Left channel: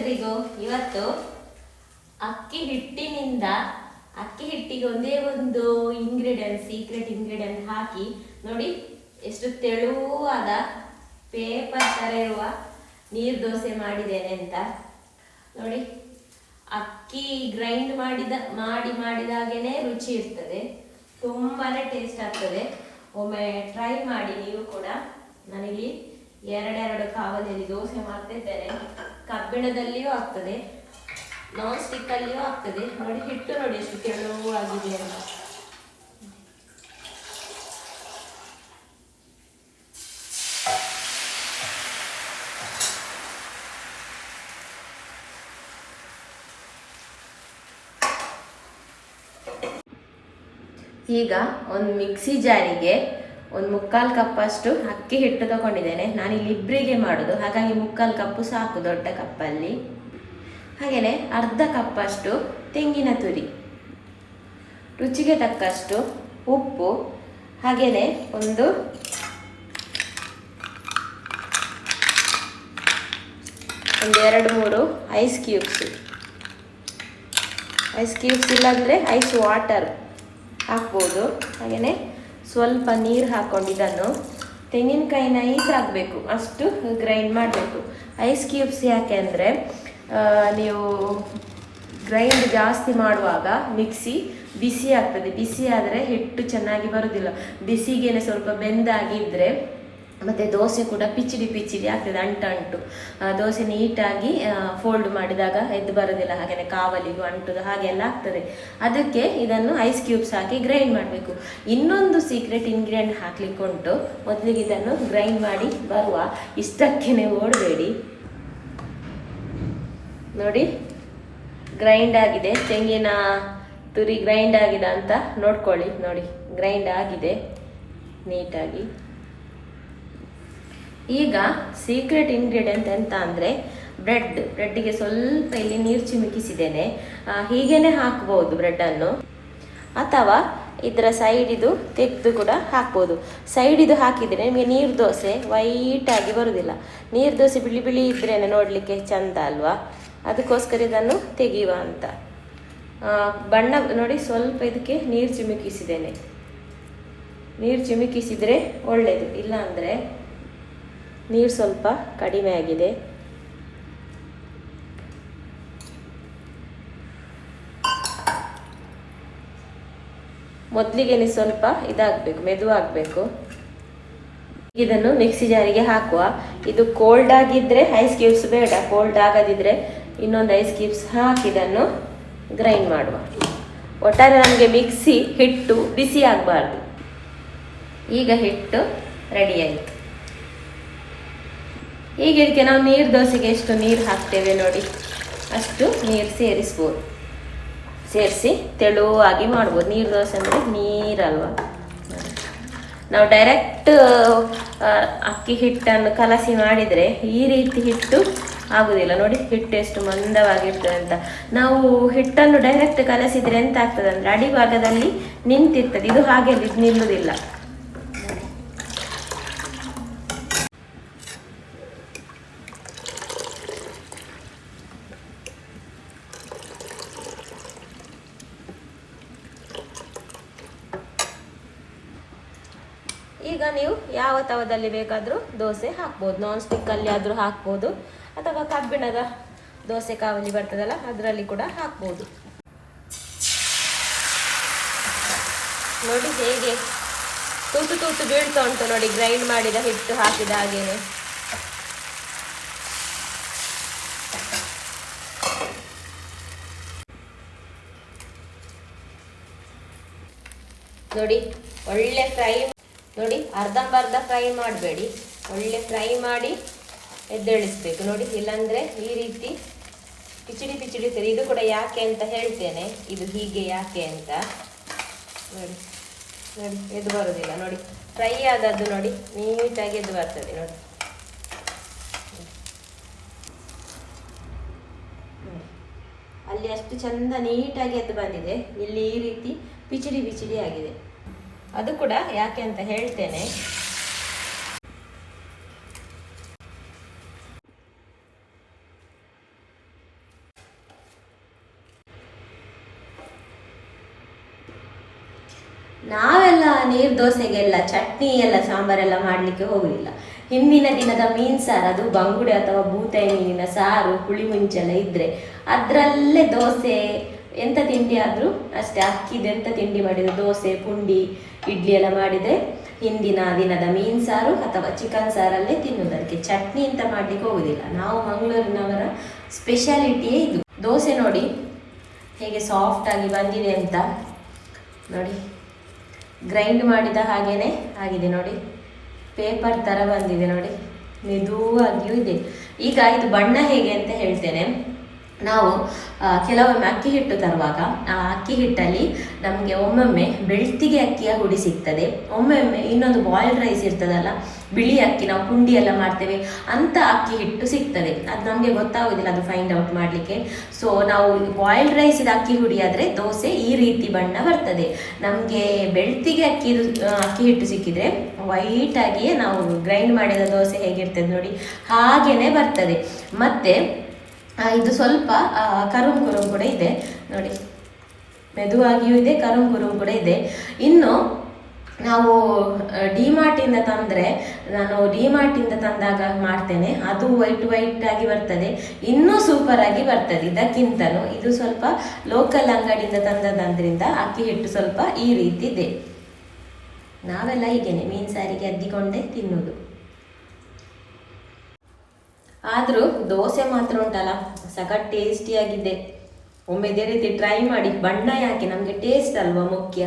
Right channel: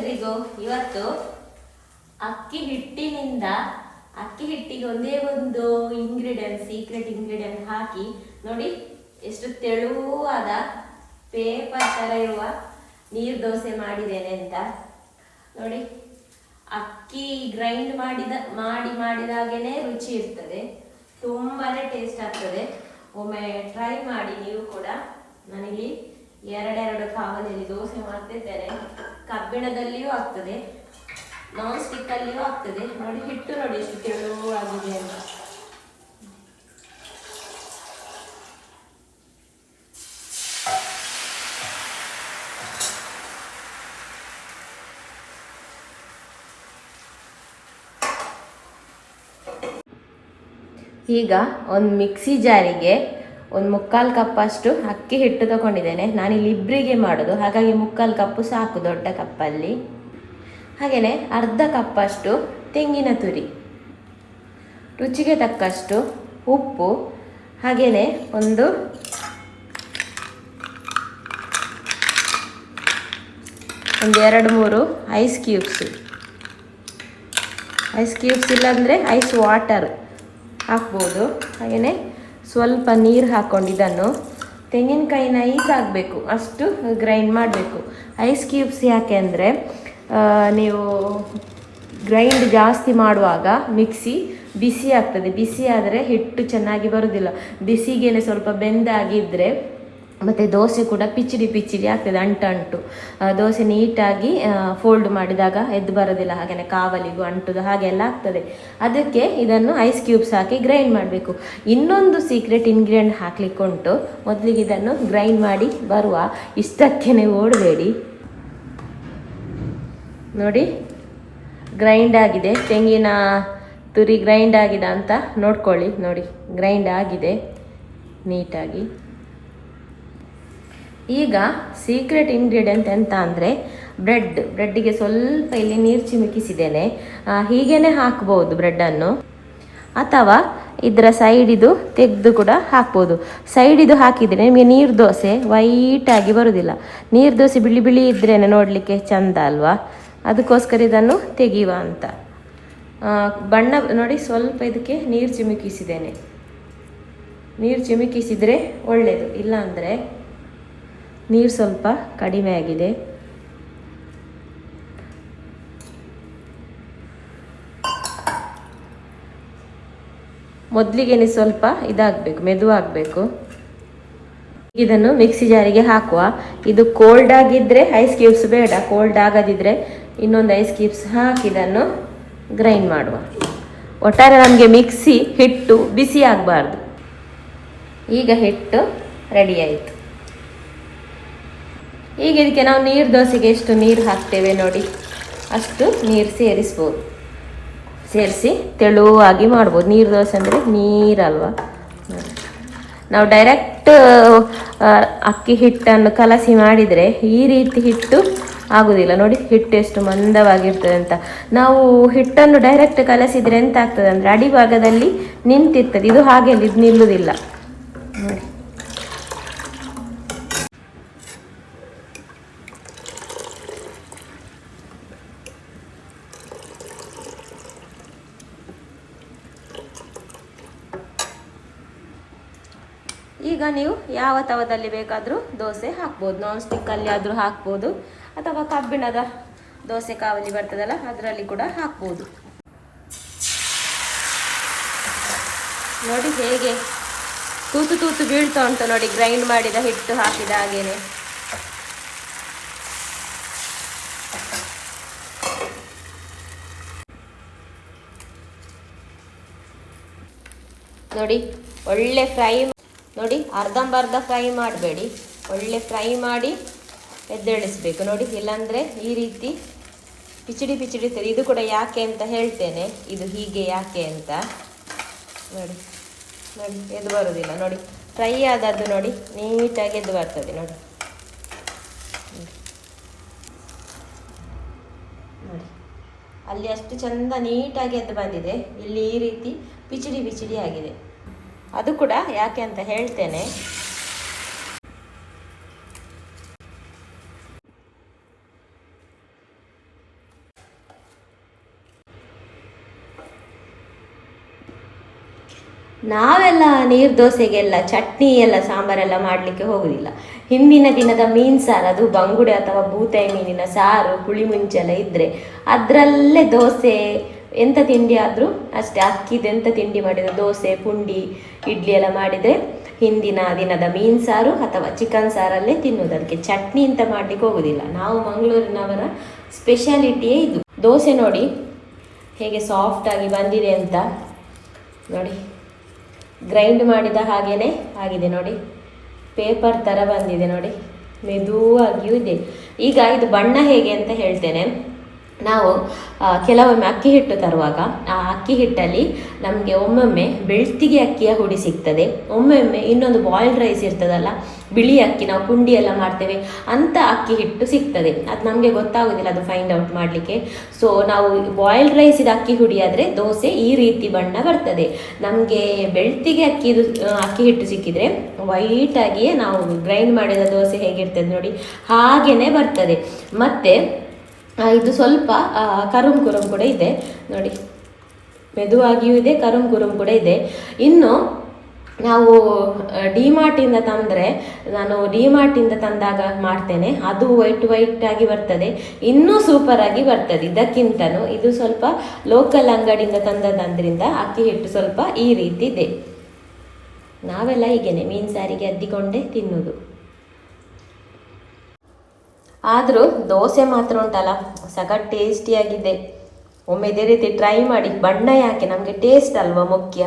ಎಲ್ರಿಗೂ ಇವತ್ತು ಅಕ್ಕಿ ಹಿಟ್ಟಿನಿಂದ, ಅಕ್ಕಿ ಹಿಟ್ಟಿಗೆ ಒಂದೇ ಒಂದು ಇಂಗ್ರೀಡಿಯಂಟ್ ಸೀಕ್ರೆಟ್ ಇಂಗ್ರೀಡಿಯಂಟ್ ಹಾಕಿ, ನೋಡಿ, ಎಷ್ಟು ತೆಳುವಾದ ಪೇಪರ್ ಥರ ಇರುವ ನೀರು ದೋಸೆ ಮಾಡಿದ್ದೇನೆ ಅಂತ. ನೋಡಿ, ಅಕ್ಕಿ ಗ್ರೈಂಡ್ ಮಾಡಿದ, ಮಾಡಿ ಮಾಡಿದಾಗೇನೆ ರುಚಿ ಇರ್ತದೆ ತುಂಬಾ ಟೇಸ್ಟ್ ಆಗ್ತದೆ. ಒಮ್ಮೆ ಟ್ರೈ ಮಾಡಿ ನೀವು ಕೂಡ ನಾನಿಲ್ಲಿ ಎರಡೆರಡು ಕಾವಲಿಯಲ್ಲಿ ದೋಸೆ ಮಾಡ್ತಿದ್ದಾರೆ. ಕಬ್ಬಿಣದಲ್ಲಿಯೂ ಆಗ್ತದೆ ನಾನ್ ಸ್ಟಿಕ್ ಅಲ್ಲಿಯೂ ಆಗ್ತದೆ. ನೋಡಿ, ಹಿಟ್ಟು ನೋಡಿ, ಎಷ್ಟು ತೆಳುವಾಗಿದೆ ಅಂತ. ಈಗ ಒಂದು ಮಿಕ್ಸಿ ಜಾರಿಗೆ ಒಂದು ಮುಕ್ಕಾಲು ಕಪ್ ಅಷ್ಟು ಅಕ್ಕಿ ಹಿಟ್ಟು ತಗೊಂಡಿದ್ದೇನೆ. ನಾನು ಇಲ್ಲಿ ಇಬ್ಬರಿಗೆ ಮಾಡೋದು. ಹಾಗಾಗಿ ಮುಕ್ಕಾಲು ಕಪ್ಪು ಸಾಕು ದೊಡ್ಡ ಕಪ್ಪಲ್ಲಿ. ಹಾಗೆಯೇ ಅರ್ಧ ಕಪ್ ಅಷ್ಟು ತೆಂಗಿನ ತುರಿ. ರುಚಿಗೆ ತಕ್ಕಷ್ಟು ಉಪ್ಪು. ಹಾಗೆಯೇ ಒಂದು ಒಂದು ಎರಡು ಮೂರು ಐಸ್ ಕ್ಯೂಬ್ಸ್. ಐಸ್ ಕ್ಯೂಬ್ಸ್ ಇಲ್ಲಾಂದರೆ ಐಸ್ ವಾಟರ್ ಹಾಕ್ಬೋದು. ಹಾಗೆಯೇ ಸ್ವಲ್ಪ ನೀರು ಹಾಕ್ಕೊಂಡು ಇದನ್ನು. ತೆಂಗಿನಕಾಯಿ ನೈಸ್ ಆಗಬೇಕು ಅಷ್ಟು ಗ್ರೈಂಡ್ ಮಾಡಬೇಕು. ಐಸ್ ಕ್ಯೂಬ್ಸ್ ಯಾಕೆ ಅಂದರೆ ನೀವು ಗ್ರೈಂಡ್ ಜಾಸ್ತಿ ಮಾಡುವಾಗ ಮಿಕ್ಸಿ ಬಿಸಿ ಆಗ್ತದೆ. ಬಿಸಿ ಆದರೆ ಹಿಟ್ಟು ಚೆನ್ನಾಗಿ ಬರೋದಿಲ್ಲ. ಬಿಸಿಗೆನೆ ಸ್ವಲ್ಪ ಬೆಂದಾಗಿದ್ದರೆ ಮತ್ತು ದೋಸೆ ಕೂಡ ಪಿಚಿಡಿ ಪಿಚಿಡಿ ಆಗ್ತದೆ, ಅಂಟು ಅಂಟು. ದೋಸೆ ನೀಟಾಗಿ ಫೋಲ್ಡ್ ಮಾಡಿದಾಗ ಎದ್ದು ಬರೋದಿಲ್ಲ ಹಾಗೆಯೇ ಕಾವಲಿಗೂ ಅಂಟುದು ಹಾಗೆಲ್ಲ ಆಗ್ತದೆ. ಅದಕ್ಕೆ ಇದನ್ನು ಐಸ್ ಕ್ಯೂಬ್ಸ್ ಹಾಕಿ ಗ್ರೈಂಡ್ ಮಾಡಬೇಕು. ಇನ್ನೊಂದು ಸೀಕ್ರೆಟ್ ಇಂಗ್ರೀಡಿಯೆಂಟ್ ಹಾಕ್ಲಿಕ್ಕೆ ಉಂಟು. ಮೊದಲಿಗೆ ಇದನ್ನು ಗ್ರೈಂಡ್ ಮಾಡಿ ಬರುವ ಇಷ್ಟಕ್ಕೆ ಓಡಬೇಡಿ. ನೋಡಿ ಗ್ರೈಂಡ್ ಆಗಿದೆ. ತೆಂಗಿನ ತುರಿ ಗ್ರೈಂಡ್ ಆಗಿದೆ ಅಂತ ನೋಡ್ಕೊಳ್ಳಿ. ನೋಡಿ ಗ್ರೈಂಡ್ ಆಗಿದೆ, ನೀಟಾಗಿ. ಈಗ ಸೀಕ್ರೆಟ್ ಇಂಗ್ರೀಡಿಯೆಂಟ್ ಎಂತ ಅಂದರೆ ಬ್ರೆಡ್ ಬ್ರೆಡ್ಡಿಗೆ ಸ್ವಲ್ಪ ಇಲ್ಲಿ ನೀರು ಚಿಮುಕಿಸಿದ್ದೇನೆ. ಹೀಗೇನೆ ಹಾಕ್ಬೋದು ಬ್ರೆಡ್ಡನ್ನು ಅಥವಾ ಇದರ ಸೈಡಿದು ತೆಗೆದು ಕೂಡ ಹಾಕ್ಬೋದು. ಸೈಡಿದು ಹಾಕಿದರೆ ನಿಮಗೆ ನೀರು ದೋಸೆ ವೈಟಾಗಿ ಬರೋದಿಲ್ಲ. ನೀರು ದೋಸೆ ಬಿಳಿ ಬಿಳಿ ಇದ್ರೇ ನೋಡಲಿಕ್ಕೆ ಚಂದ ಅಲ್ವಾ? ಅದಕ್ಕೋಸ್ಕರ ಇದನ್ನು ತೆಗೆಯುವ ಅಂತ. ಬಣ್ಣ ನೋಡಿ ಸ್ವಲ್ಪ ಇದಕ್ಕೆ ನೀರು ಚಿಮುಕಿಸಿದ್ದೇನೆ. ನೀರು ಚಿಮುಕಿಸಿದರೆ ಒಳ್ಳೆಯದು ಇಲ್ಲಾಂದರೆ ನೀರು ಸ್ವಲ್ಪ ಕಡಿಮೆ ಆಗಿದೆ. ಮೊದಲಿಗೆ ಸ್ವಲ್ಪ ಇದಾಗಬೇಕು, ಮೆದುವಾಗಬೇಕು. ಇದನ್ನು ಮಿಕ್ಸಿ ಜಾರಿಗೆ ಹಾಕುವ. ಇದು ಕೋಲ್ಡ್ ಆಗಿದ್ರೆ ಐಸ್ ಕ್ಯೂಬ್ಸ್ ಬೇಡ ಕೋಲ್ಡ್ ಆಗದಿದ್ರೆ ಇನ್ನೊಂದು ಐಸ್ ಕ್ಯೂಬ್ಸ್ ಹಾಕಿ ಇದನ್ನು ಗ್ರೈಂಡ್ ಮಾಡುವ. ಒಟ್ಟಾರೆ ನಮಗೆ ಮಿಕ್ಸಿ ಹಿಟ್ಟು ಬಿಸಿ ಆಗಬಾರ್ದು. ಈಗ ಹಿಟ್ಟು ರೆಡಿ ಆಯಿತು. ಈಗ ಇದಕ್ಕೆ ನಾವು ನೀರು ದೋಸೆಗೆ ಎಷ್ಟು ನೀರು ಹಾಕ್ತೇವೆ ನೋಡಿ. ಅಷ್ಟು ನೀರು ಸೇರಿಸ್ಬೋದು. ಸೇರಿಸಿ ತೆಳುವಾಗಿ ಮಾಡ್ಬೋದು. ನೀರು ದೋಸೆ ಅಂದರೆ ನೀರಲ್ವ. ನಾವು ಡೈರೆಕ್ಟ್ ಅಕ್ಕಿ ಹಿಟ್ಟನ್ನು ಕಲಸಿ ಮಾಡಿದರೆ ಈ ರೀತಿ ಹಿಟ್ಟು ಆಗೋದಿಲ್ಲ. ನೋಡಿ, ಹಿಟ್ಟು ಎಷ್ಟು ಮಂದವಾಗಿರ್ತದೆ ಅಂತ. ನಾವು ಹಿಟ್ಟನ್ನು ಡೈರೆಕ್ಟ್ ಕಲಸಿದ್ರೆ ಎಂತ ಆಗ್ತದೆ ಅಂದರೆ ಅಡಿಭಾಗದಲ್ಲಿ ನಿಂತಿರ್ತದೆ. ಇದು ಹಾಗೆ ನಿಲ್ಲುವುದಿಲ್ಲ ನೋಡಿ. ಈಗ ನೀವು ಯಾವ ತವದಲ್ಲಿ ಬೇಕಾದರೂ ದೋಸೆ ಹಾಕ್ಬೋದು. ನಾನ್ ಸ್ಟಿಕ್ಕಲ್ಲಿ ಆದರೂ ಹಾಕ್ಬೋದು. ಅಥವಾ ಕಬ್ಬಿಣದ ದೋಸೆ ಕಾವಲಿ ಬರ್ತದಲ್ಲ, ಅದರಲ್ಲಿ ಕೂಡ ಹಾಕ್ಬೋದು. ನೋಡಿ ಹೇಗೆ ತೂತು ತೂತು ಬೀಳ್ತು ಅಂತ ನೋಡಿ ಗ್ರೈಂಡ್ ಮಾಡಿದ ಹಿಟ್ಟು ಹಾಕಿದ ಹಾಗೇನೆ. ನೋಡಿ, ಒಳ್ಳೆ ಫ್ರೈ ನೋಡಿ ಅರ್ಧಂಬರ್ಧ ಫ್ರೈ ಮಾಡಬೇಡಿ. ಒಳ್ಳೆ ಫ್ರೈ ಮಾಡಿ ಎದ್ದೇಳಿಸ್ಬೇಕು. ನೋಡಿ, ಇಲ್ಲಾಂದರೆ ಈ ರೀತಿ ಪಿಚಡಿ ಪಿಚಡಿ ಇದು ಕೂಡ ಯಾಕೆ ಅಂತ ಹೇಳ್ತೇನೆ. ಇದು ಹೀಗೆ ಯಾಕೆ ಅಂತ. ನೋಡಿ ನೋಡಿ, ಎದ್ದು ಬರುವುದಿಲ್ಲ. ನೋಡಿ ಫ್ರೈ ಆದದ್ದು ನೋಡಿ, ನೀಟಾಗಿ ಎದ್ದು ಬರ್ತದೆ. ನೋಡಿ. ಅಲ್ಲಿ ಅಷ್ಟು ಚಂದ ನೀಟಾಗಿ ಎದ್ದು ಬಂದಿದೆ. ಇಲ್ಲಿ ಈ ರೀತಿ ಪಿಚಡಿ ಬಿಚಡಿ ಆಗಿದೆ. ಅದು ಕೂಡ ಯಾಕೆ ಅಂತ ಹೇಳ್ತೇನೆ. ನಾವೆಲ್ಲ ನೀರು ದೋಸೆಗೆಲ್ಲ, ಚಟ್ನಿ ಎಲ್ಲ, ಸಾಂಬಾರೆಲ್ಲ ಮಾಡ್ಲಿಕ್ಕೆ ಹೋಗಲಿಲ್ಲ ಹಿಂದಿನ ದಿನದ ಮೀನ್ ಸಾರು, ಅದು ಬಂಗುಡೆ ಅಥವಾ ಬೂತಾಯಿ ಮೀನಿನ ಸಾರು, ಹುಳಿ ಮಿಂಚೆಲ್ಲ ಇದ್ರೆ ಅದರಲ್ಲೇ ದೋಸೆ ಎಂತ ತಿಂಡಿ ಆದರೂ ಅಷ್ಟೇ ಅಕ್ಕಿದು ಎಂತ ತಿಂಡಿ ಮಾಡಿದ್ರು? ದೋಸೆ, ಪುಂಡಿ, ಇಡ್ಲಿ ಎಲ್ಲ ಮಾಡಿದರೆ ಹಿಂದಿನ ದಿನದ ಮೀನ್ ಸಾರು ಅಥವಾ ಚಿಕನ್ ಸಾರಲ್ಲೇ ತಿನ್ನುವುದು. ಅದಕ್ಕೆ ಚಟ್ನಿ ಅಂತ ಮಾಡ್ಲಿಕ್ಕೆ ಹೋಗೋದಿಲ್ಲ. ನಾವು ಮಂಗಳೂರಿನವರ ಸ್ಪೆಷಾಲಿಟಿಯೇ ಇದು. ದೋಸೆ ನೋಡಿ, ಹೇಗೆ ಸಾಫ್ಟಾಗಿ ಬಂದಿದೆ ಅಂತ. ನೋಡಿ ಗ್ರೈಂಡ್ ಮಾಡಿದ ಹಾಗೇನೆ ಆಗಿದೆ ನೋಡಿ. ಪೇಪರ್ ಥರ ಬಂದಿದೆ ನೋಡಿ. ಮೆದುವಾಗಿಯೂ ಇದೆ. ಈಗ ಇದು ಬಣ್ಣ ಹೇಗೆ ಅಂತ ಹೇಳ್ತೇನೆ. ನಾವು ಕೆಲವೊಮ್ಮೆ ಅಕ್ಕಿ ಹಿಟ್ಟು ತರುವಾಗ, ಆ ಅಕ್ಕಿ ಹಿಟ್ಟಲ್ಲಿ ನಮಗೆ ಒಮ್ಮೊಮ್ಮೆ ಬೆಳ್ತಿಗೆ ಅಕ್ಕಿಯ ಹುಡಿ ಸಿಗ್ತದೆ. ಒಮ್ಮೊಮ್ಮೆ ಇನ್ನೊಂದು ಬಾಯ್ಲ್ಡ್ ರೈಸ್ ಇರ್ತದಲ್ಲ, ಬಿಳಿ ಅಕ್ಕಿ ನಾವು ಪುಂಡಿ ಎಲ್ಲ ಮಾಡ್ತೇವೆ, ಅಂತ ಅಕ್ಕಿ ಹಿಟ್ಟು ಸಿಗ್ತದೆ. ಅದು ನಮಗೆ ಗೊತ್ತಾಗೋದಿಲ್ಲ, ಅದು ಫೈಂಡ್ ಔಟ್ ಮಾಡಲಿಕ್ಕೆ. ಸೊ ನಾವು ಬಾಯ್ಲ್ಡ್ ರೈಸಿದ ಅಕ್ಕಿ ಹುಡಿ ಆದರೆ ದೋಸೆ ಈ ರೀತಿ ಬಣ್ಣ ಬರ್ತದೆ. ನಮಗೆ ಬೆಳ್ತಿಗೆ ಅಕ್ಕಿ ಅಕ್ಕಿ ಹಿಟ್ಟು ಸಿಕ್ಕಿದರೆ ವೈಟಾಗಿಯೇ ನಾವು ಗ್ರೈಂಡ್ ಮಾಡಿದ ದೋಸೆ ಹೇಗಿರ್ತದೆ ನೋಡಿ ಹಾಗೇ ಬರ್ತದೆ. ಮತ್ತೆ ಇದು ಸ್ವಲ್ಪ ಕರುಂ ಕುರುಂ ಕೂಡ ಇದೆ. ನೋಡಿ, ಮೆದುವಾಗಿಯೂ ಇದೆ ಕರುಮ್ ಕುರುಮ್ ಕೂಡ ಇದೆ. ಇನ್ನು, ನಾವು ಡಿಮಾರ್ಟಿಂದ ತಂದರೆ, ನಾನು ಡಿಮಾರ್ಟಿಂದ ತಂದಾಗ ಮಾಡ್ತೇನೆ. ಅದು ವೈಟ್ ವೈಟ್ ಆಗಿ ಬರ್ತದೆ. ಇನ್ನೂ ಸೂಪರ್ ಆಗಿ ಬರ್ತದೆ. ಇದಕ್ಕಿಂತನೂ ಇದು ಸ್ವಲ್ಪ ಲೋಕಲ್ ಅಂಗಡಿಯಿಂದ ತಂದದಂದ್ರಿಂದ ಅಕ್ಕಿ ಹಿಟ್ಟು ಸ್ವಲ್ಪ ಈ ರೀತಿ ಇದೆ ನಾವೆಲ್ಲ ಹೀಗೇನೆ, ಮೀನು ಸಾರಿಗೆ ಅದ್ದಿಕೊಂಡೇ ತಿನ್ನುವುದು ಆದರೂ ದೋಸೆ ಮಾತ್ರ ಉಂಟಲ್ಲ, ಸಖತ್ ಟೇಸ್ಟಿಯಾಗಿದೆ ಒಮ್ಮೆ ಇದೇ ರೀತಿ ಟ್ರೈ ಮಾಡಿ, ಬಣ್ಣ ಯಾಕೆ ನಮಗೆ ಟೇಸ್ಟ್ ಅಲ್ವಾ ಮುಖ್ಯ.